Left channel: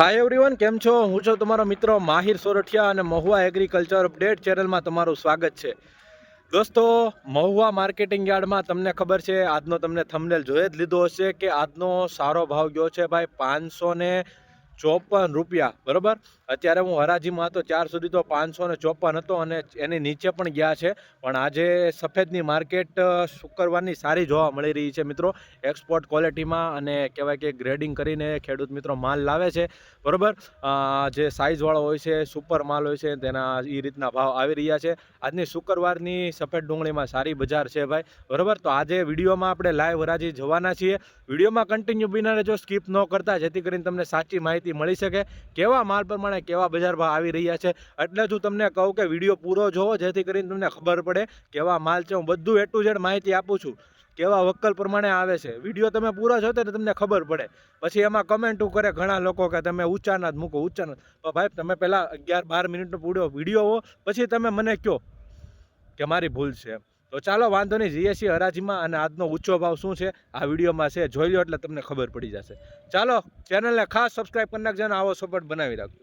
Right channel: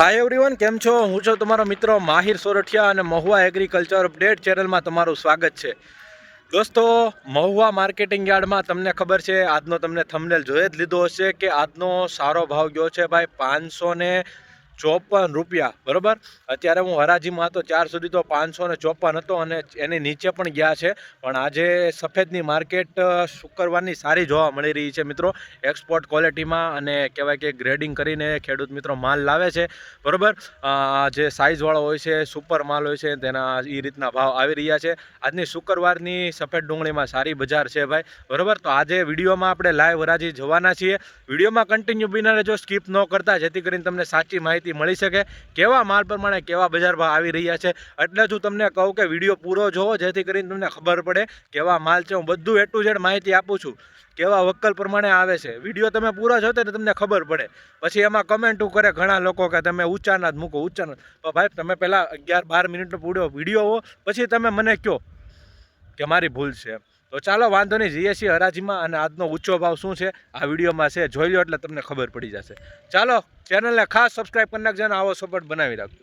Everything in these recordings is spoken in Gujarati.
हाय एवरीवन केम छो हूँ छो तमारो मित्र माहिर सोरठिया और महुआ एग्रीकल्चर अपडेट चैनल में तमारू स्वागत है। दोस्तों महुआ मार्केटिंग यार्ड में तमने खबर है आज तमने थंबनेल जोई ज लीधो हशे कि आजनो सारो भाव गयो है भाई 554 रुपया बराबर। अत्यारे हूँ हराजी में तो 4 सुधी तो 554 हतो अने एनी नीचे पण गया है। पण आजे सफेदनी मार्केट शुक्रवारनी सारी जोवा मळी रही है मित्रों। एक्सपोर्ट क्वॉलिटी में अने कहेवाय के ग्रेडिंग करीने खेडूत मित्रों माल लावे छे बराबर। जे साइज वाळो होय छे सुपर माल होय छे तेना ई रीतना भाव आवी रह्या छे। आजनी शुक्रवारनी सफेद डूंगळी में सारी बजार है भाई बराबर। तो आज विडियो में आपणे लाइव हराजी जोवाना छीए। विडियो में कंटिन्यू बने रहेजो स्कीप न करता जेथी करीने तमने साची माहिती मळी शके केवा माल प्रमाणे केवा बजार भाव आवी रह्या छे। એટલે જ હું તમને કહું કે વિડીયો પૂરો જોવો જેથી કરીને તમને ખબર પડે કેવા માલ છે। હું બધું A to Z માહિતી આપું છું કેવા વક્કલ પ્રમાણે આવે છે। વિડીયો તમે પૂરો જોતો એટલે તમને ખબર પડે। પછી એમાં કમેન્ટો કરે ઘણા લોકો કે તમે ઊંચાના જ મૂકો ઊંચાના। તો ભાઈ તમે પહેલાં 11-12 મિનિટનો પૂરો વિડીયો હો પછી તમે મને કહો કે મારી ભૂલ છે। તો ચાલો વાંધો નહીં જઈએ છીએ હરાજીમાં અને આજનો ઊંચો ભાવ શું છે આ વિડીયોમાં છે જોઈ લો એટલે તમને ખબર પડી જશે। ચાલો ચેનલને ખાસ સબસ્ક્રાઈબ કરી નાખજો અને આવો સપોર્ટ બનાવી રાખજો।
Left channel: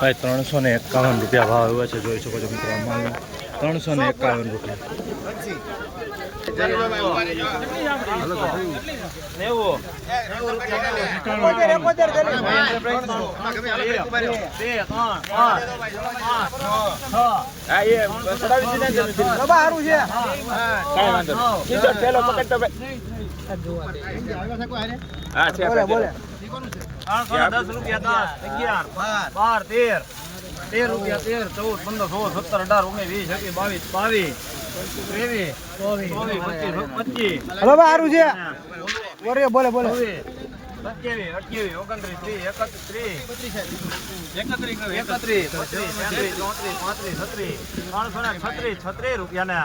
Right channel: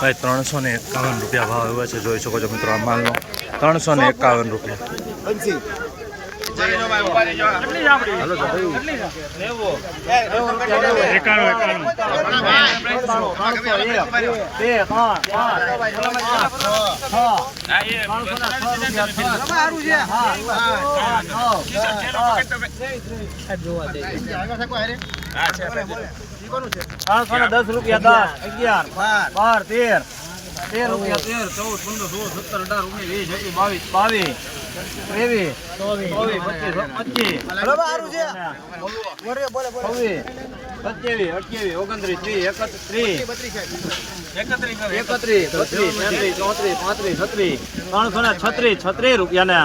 भाई 351 रुपया भाव આવ્યો છે જોઈ શકો છો મિત્રો આ માલનો 351 રૂપિયા। હાલો તો ભાઈ 10 रुपया 10 11 12 13 रुपया 13 14 15 16 17 18 19 20 21 22 23 24 25 બોલે બોલે 27 28 29 30 31 36 રૂપિયા ને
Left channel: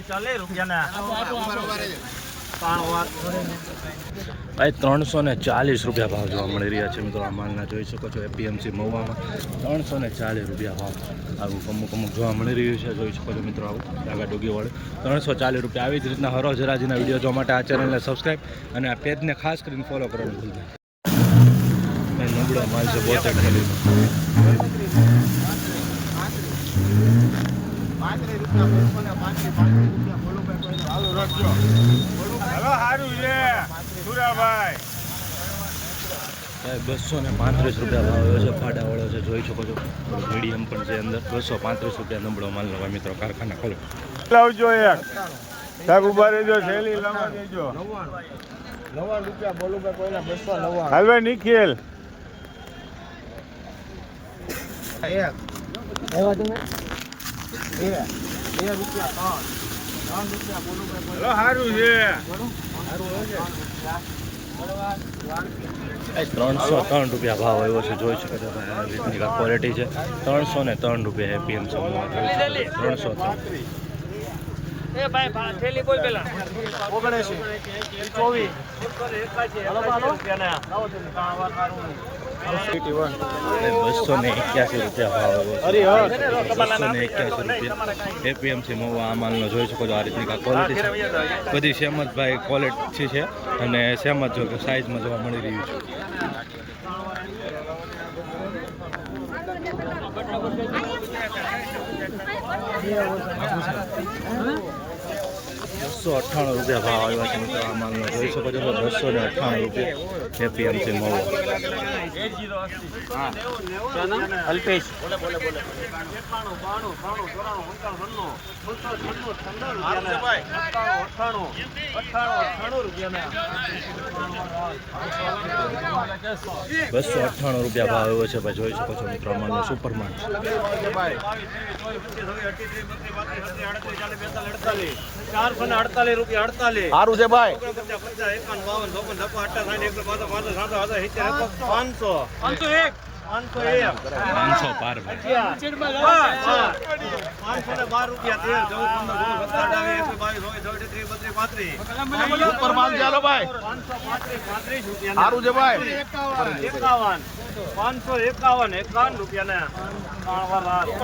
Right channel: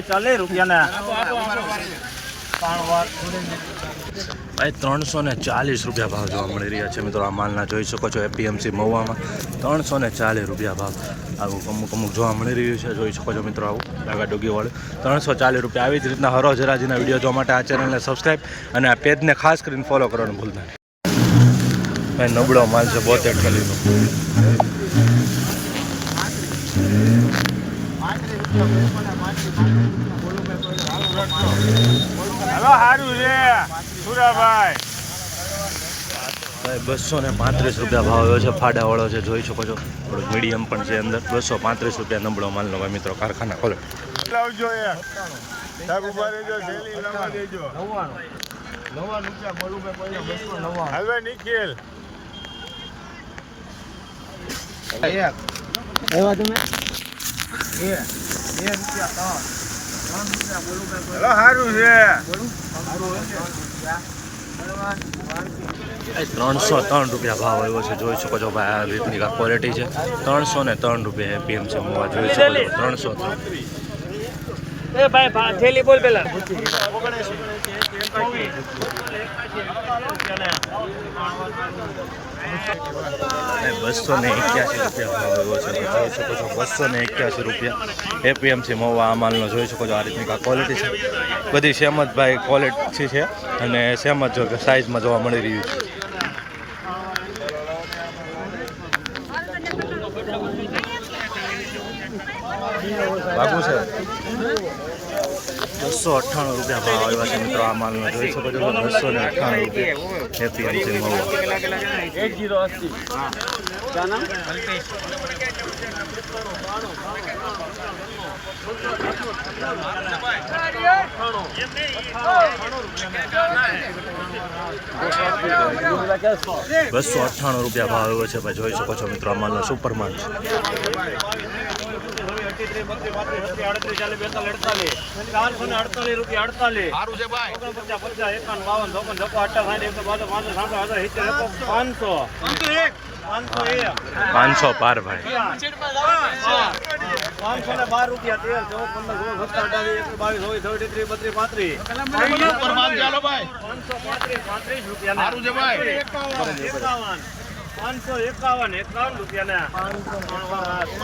40 રૂપિયા भाई 340 रुपया भाव जो मળી રહ્યા છે મિત્રો આ માલના જોઈ શકો છો। એપીએમસી મહુવામાં 340 રૂપિયા ભાવ આવું અમુક જોવા મળી રહ્યું છે જોઈ શકો છો મિત્રો। આવું ડાગા ડોગીવાળું 340 રૂપિયા। આવી જ રીતના હરોજ હરાજીના વિડીયો જોવા માટે આ ચેનલને સબસ્ક્રાઈબ અને આ પેજને ખાસ કરીને ફોલો કરવાનું ભૂલતા નહીં। ભાઈ નબળો માલ છે 72 થેલીનો। भाई 235 रुपया भाव આવ્યો છે। ફાડાવાળો છે જોઈ શકો છો। થોડુંક મીડિયમ પણ છે અંદર। 235 રૂપિયા નબળો માલનો ભાઈ મિત્રો કારખાના ખોલે લાવજો એક સાગુ બારે જો થેલી લવા દેજો 99 રૂપિયા બોલું ભાઈ પહેલા 299 હાલવે નિખિલ એક આવ્યો તમે 2 રૂપિયા 3 રૂપિયા બોલું ભાઈ હેલો હારું છે બોલું હારું છે 303 રૂપિયા ભાવ આવ્યો છે જોઈ શકો છો ભાઈ। આ રીતની ક્વોલિટી છે 303 રૂપિયા એપીએમસી મોવા જોઈ શકો છો 303। એ ભાઈ થેલી બોલ પેલા 281 રૂપિયા ભાવ આવ્યો છે જોઈ શકો છો। 281 રૂપિયા એપીએમસી મોવા આ માલનો જોઈ શકો છો। આ રીતની ક્વોલિટી છે બધી સેમ જ ભાઈ ક્વોલિટી છે અને સેમ જ જો સાઇઝમાં જોવા મળી રહ્યું છે। બાબુ છે 298 રૂપિયા ભાવ આવ્યા છે મિત્રો આ માલનો જોઈ શકો છો। 298 રૂપિયા એપીએમસી મહુવા। રૂપિયા ભાવ આવ્યો છે ભાઈ જોઈ શકો છો મિત્રો આ માલનો સુપર માલ છે। 48 રૂપિયા 48 સારું છે ભાઈ 50 51 52 53 54 58 59 60 152 500 501 501 500 પાર ભાઈ. 512 રૂપિયા 13 14 15 16 17 18 19 20 23 32 ઉપર માલ ચાલો ભાઈ 535 રૂપિયા સારું છે ભાઈ 51 રૂપિયા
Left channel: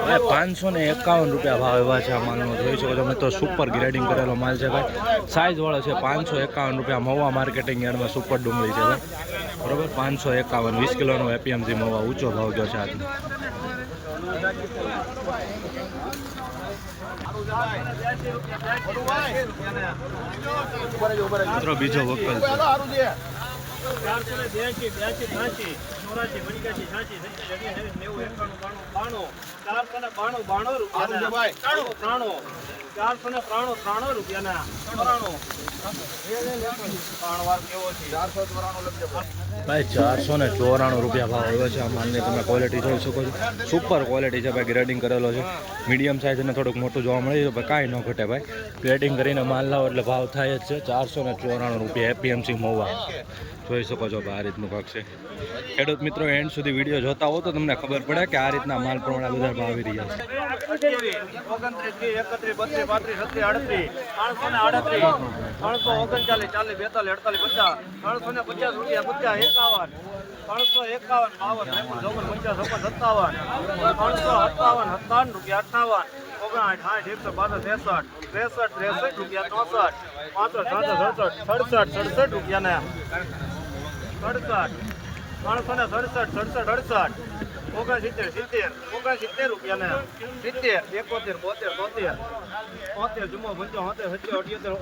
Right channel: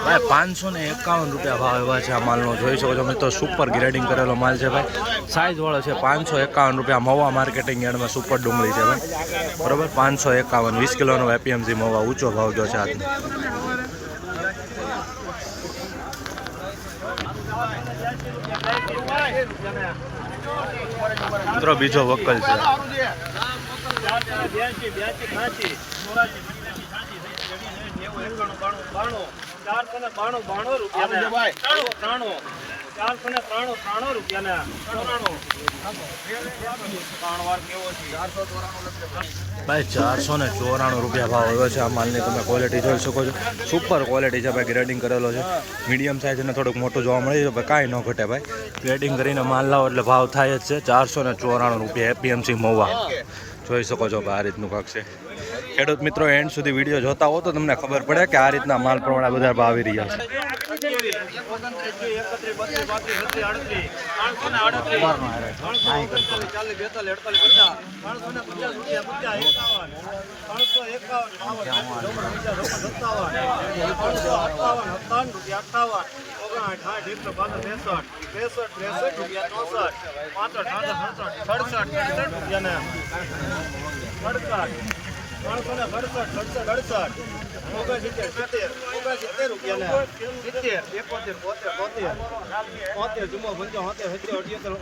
ભાઈ 551 રૂપિયા ભાવ એવા છે આ માલનો. જોઈ શકો છો મિત્રો, સુપર ગ્રેડિંગ કરેલો માલ છે ભાઈ. સાઇઝ વાળો છે. 551 રૂપિયા મહુવા માર્કેટિંગ યાર્ડમાં સુપર ડુંગળી છે ભાઈ. બરોબર, 551 20 કિલોનો એપીએમસી મહુવા ઊંચો ભાવ ગયો છે આજનો. મિત્રો બીજો વકલ છે. 482 82 85 84 85 86 87 90 91 92 493 રૂપિયા ભાઈ 494 રૂપિયા ભાવ આવ્યો છે આ માલની. તમે ક્વોલિટી જોઈ શકો છો, સુપર ક્વોલિટી છે ભાઈ. ગ્રેડિંગ કરેલો છે. મીડિયમ સાઇઝ અને થોડુંક મોટું જોવા મળે છે ભાઈ. કાંઈ ન ઘટે ભાઈ. ગ્રેડિંગ કરીને માલ લાવો એટલે ભાવ થાય જ છે. 494 રૂપિયા એપીએમસી મહુવા. જોઈ શકો છો ભાઈ, આ રીતનું કાંક છે. ખેડૂત મિત્રો એન્ડ સુધી વિડીયો જોતા હો તો તમને ખબર પડે કે આ રીતના માલ પ્રમાણે બધા ભાવ આવી રહ્યા છે. 69 રૂપિયા 70 71 72 73 જુમો 75 77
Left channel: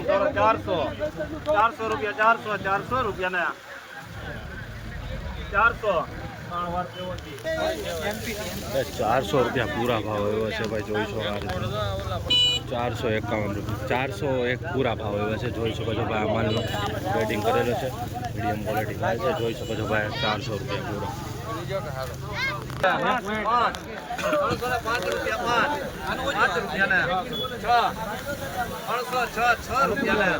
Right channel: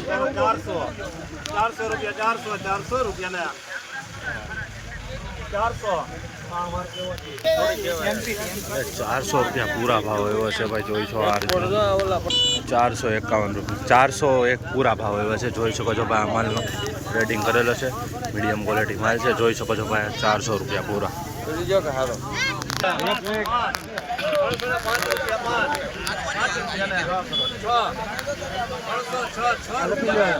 78 400 રૂપિયા 400 રૂપિયા 400 400 રૂપિયા પૂરા ભાવ એવો છે ભાઈ. જોઈ છો આ રીતનો 451 રૂપિયા 401 પૂરા ભાવ એવા છે. જોઈ શકો છો ભાઈ, આ માલનો ગ્રેડિંગ કરેલો છે. મીડિયમ ક્વોલિટી માલ છે. જોઈ શકો છો ભાઈ, 400 રૂપિયા પૂરા. 7 રૂપિયા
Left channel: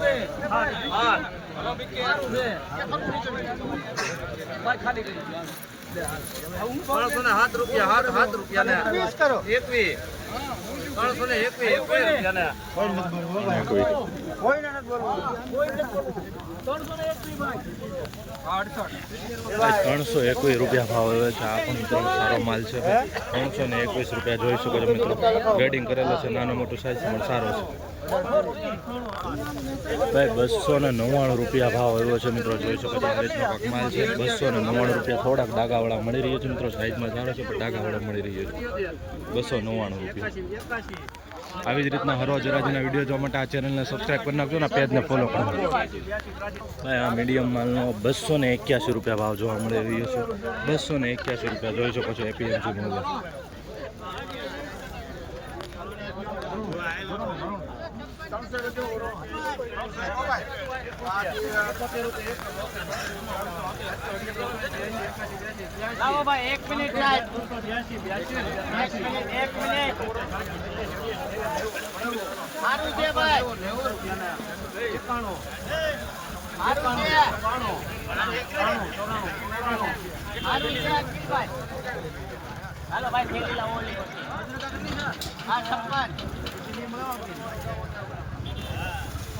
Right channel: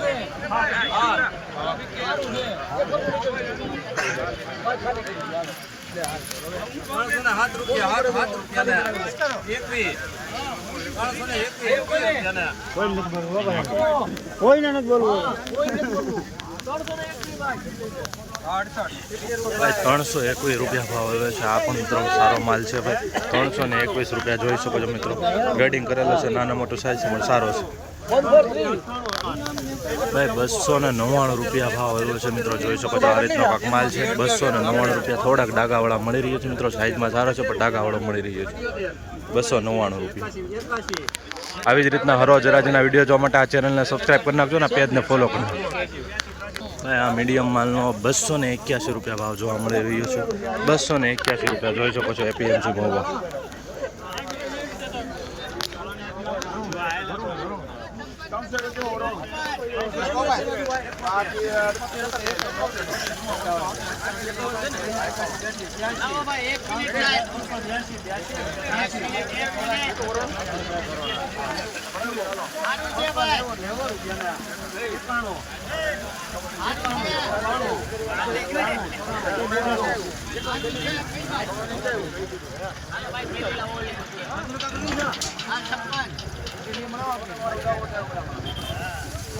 7 રૂપિયા 21 કોઈને નથી બોલવું. ભાઈ 321 રૂપિયા ભાવ આવે છે. આ પણ મિત્રો સારો માલ છે ભાઈ. 321 રૂપિયા જોઈ શકો છો મિત્રો. ગ્રેડિંગ કરેલો છે. નાનો મોટો સાઇઝ પણ સારો છે ભાઈ. 299 રૂપિયા ભાવ આવ્યો છે મિત્રો. જોઈ શકો છો આ રીતનો કાંક માલ છે. 299 રૂપિયા. થોડાક ડાગાવાળા મળી રહ્યો છે મિત્રો. સાઇઝમાં સારો છે પણ ડાગાવાળો મળી રહ્યો છે. 299 રૂપિયા. આવી જ રીતના હરોજ રાજના વિડીયો જોવા માટે આ ચેનલને સબસ્ક્રાઈબ કરી નાખજો ને પેજને ફોલો કરી નાખજો ભાઈ. આ મીડિયમ માલનો 281 રૂપિયા ભાવ જોવા મળી રહ્યો છે. 281 રૂપિયા જોઈ શકો છો એપીએમસી મહુવા. એક મિનિટ સારું છે ભાઈ.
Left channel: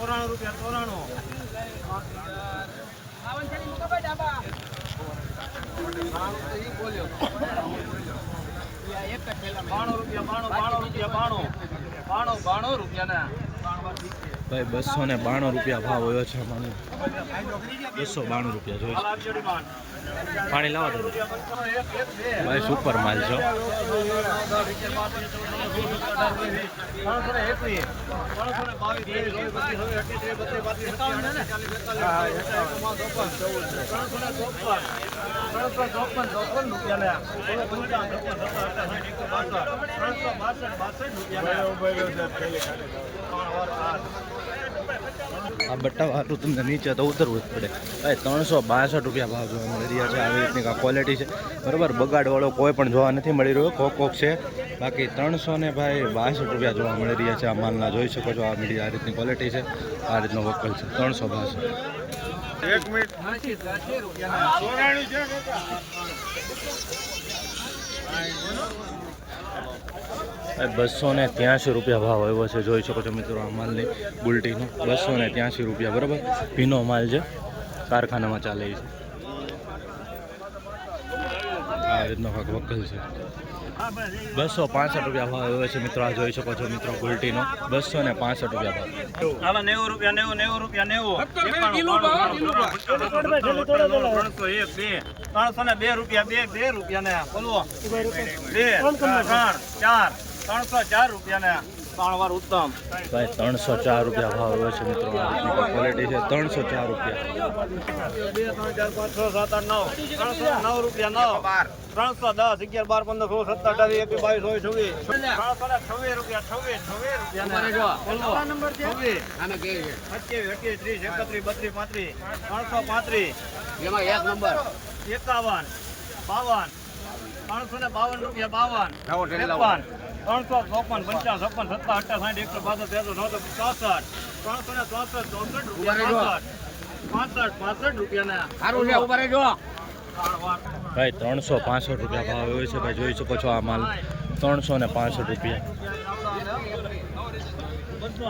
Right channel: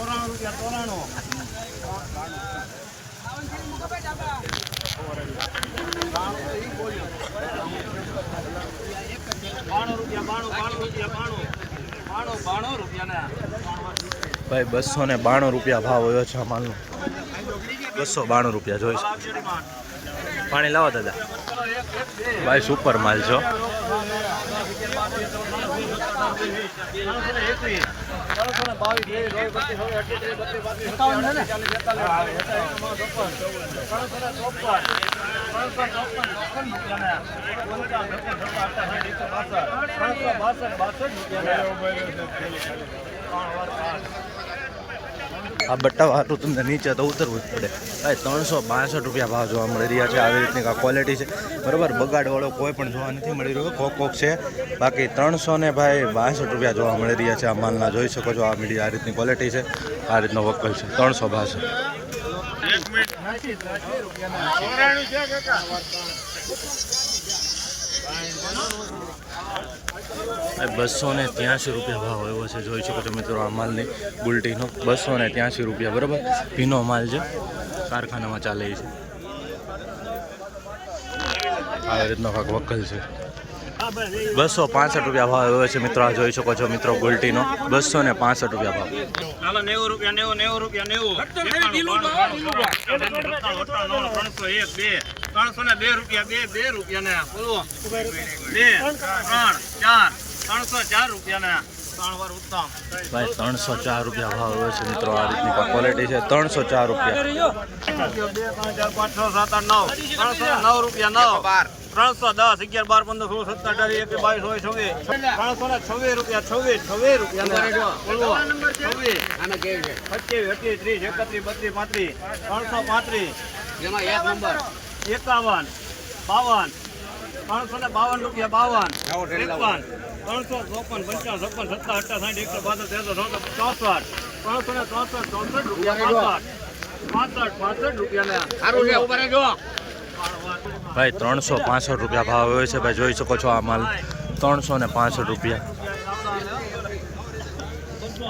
94 રૂપિયા 92 રૂપિયા ભાઈ 292 રૂપિયા ભાવ આવ્યો છે આ માલનો. 292 રૂપિયા જોઈશ. પાણી લાવો દાદા. ભાઈ સુપર માલ છો. 362 આ બટ્ટા વાળું તમને નીચે તો ઉતરવું જ પડે ભાઈ. 362 રૂપિયા ભાવ જોવા મળી રહ્યા છે. આવી રીતની આ ક્વોલિટી છે બરાબર. બગાડવાળો કોઈ પણ જોવા નથી મળી રહ્યો. કોક છે બાકી 362 રૂપિયા જોવા મળી રહ્યા છે આ માલના. જોઈ શકો છો આ મીડિયા આ રીતની ક્વોલિટી છે. આ રીતનો વકલ છે 362. એક મિનિટ 80 રૂપિયા ચોરાણું છે કાકા ₹283 ભાવ આવ્યો છે. જોઈ શકો છો મિત્રો આ માલની બુલટીનો ₹283 બરાબર. ભીનો માલ છે, કારખાનામાં ચાલે છે. આ રીતનો કાંક વકલ છે. ₹265 ભાવ આવ્યો છે મિત્રો. આ જોઈ શકો છો મિત્રો ગુલટીનો ₹265 ભાવ. હાલો 90 રૂપિયા 90 રૂપિયા 302 રૂપિયા 2 રૂપિયા ને બોલવો 2 3 4 304 રૂપિયા ને 3 વાર ઉત્તમ ભાઈ ₹304 ભાવ આવ્યો છે મિત્રો. આ રીતની ક્વોલિટી છે. ₹304 2 3 4 5 6 7 8 9 309 રૂપિયા 9 310 11 12 15 16 17 18 22 23 326 રૂપિયા 26 બોલવો 26 આના કે છે 25 28 30 31 32 35 335 એમાં એક નંબર 51 52 352 રૂપિયા 52 53 55 55 56 ભાઈ ₹365 ભાવ આવ્યો છે. ભાઈ જોઈ શકો છો આ માલ ₹365.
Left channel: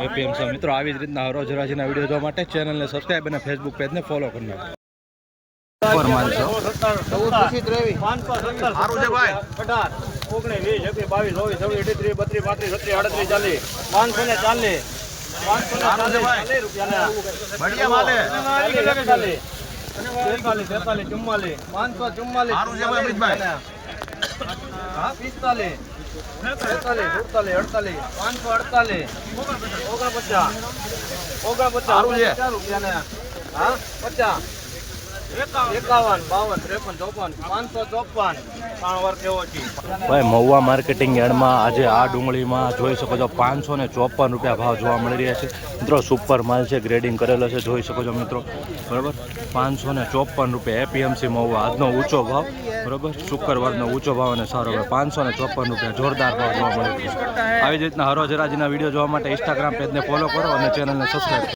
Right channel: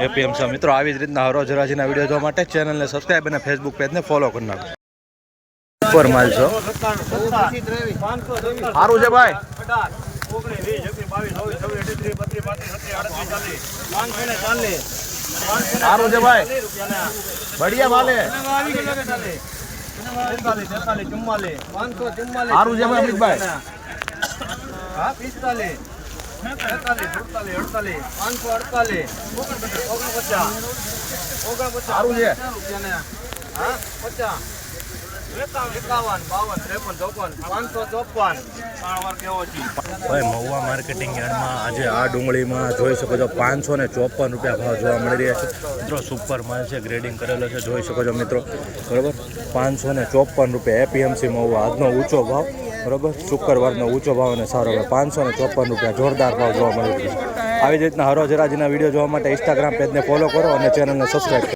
એપીએમસી મિત્રો આવી જ રીતના હરોજ હરાજીના વિડીયો જોવા માટે ચેનલને સબસ્ક્રાઈબ અને ફેસબુક પેજને ફોલો કરી નાખો. ઉપર માલ છો સારું છે ભાઈ 19 20 22 23 34 35 36 540 બઢિયા માલે 544 સારું છે ભાઈ અમિતભાઈ હા 45 48 548 સારું છે હા 50 51 52 53 54 554 3 વાર કેવો છે ભાઈ મહુવા માર્કેટિંગ યાર્ડમાં આજે આ ડુંગળીમાં જોઈ શકો છો ₹554 ભાવ જોવા મળી રહ્યા છે મિત્રો. સુપર માલ છે, ગ્રેડિંગ કરેલો છે. જોઈ શકો છો મિત્રો બરાબર. ₹554 એપીએમસી મહુવા આજનો ઊંચો ભાવ બરાબર. શુક્રવારનો ઊંચો ભાવ અને સારો ભાવ ₹554 જોરદાર ભાવ જોવા મળી રહ્યો છે. આવી જ રીતના હરોજ હરાજીના વિડીયો જોવા માટે ઇન્સ્ટાગ્રામ પેજને ફોલો કરો અને ચેનલને સબસ્ક્રાઈબ કરો.